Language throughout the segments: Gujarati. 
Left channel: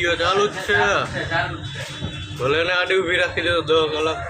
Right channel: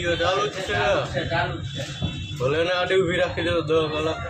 વિડિયો ચાલુ જ છે ભલે ને આડી ઊભી રાખી દે તો 10 કલાક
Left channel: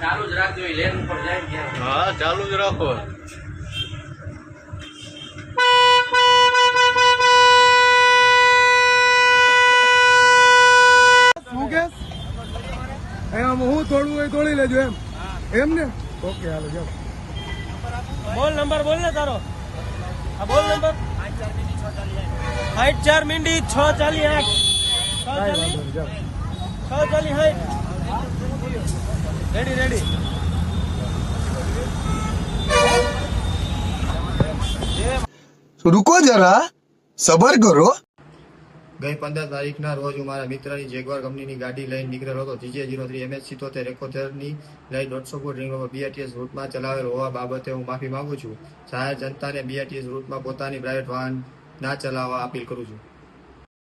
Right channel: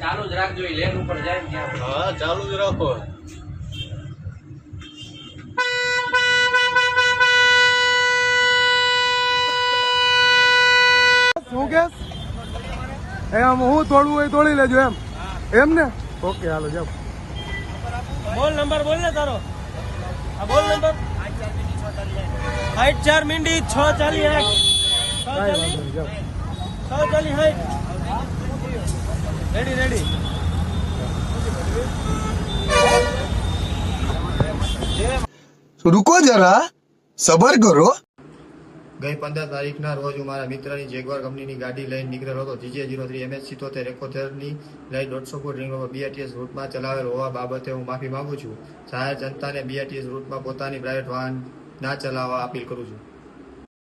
ચાલુ જ રાખજો લેન ઉપર જાય ક્યાં હા ચાલુ જ રાખો શું કે એમ હું તોડવું હોય તોડી લેજો એમ ને ઓકે હાલો જાઓ બોલ નંબર બોલ ને તારો આ બોલ નંબર 8 મિનિટ 648 રેડી रुको जरा सबर करो ગઈ 15 તારીખના રોજ હું મારા મિત્રની જેગવાર કંપનીની ગાડી લઈને નીકળેલો હતો. GJ03 MS77 ની લઈ 150 ફૂટ રિંગ રોડ BRTS રૂટમાં ચલાવેલ હોવા બાબતે હું માફી માંગુ છું. જાહેર જનતાને BRTS રૂટમાં પોતાની પ્રાઇવેટ વાહન ના ચલાવવા અપીલ કરું છું.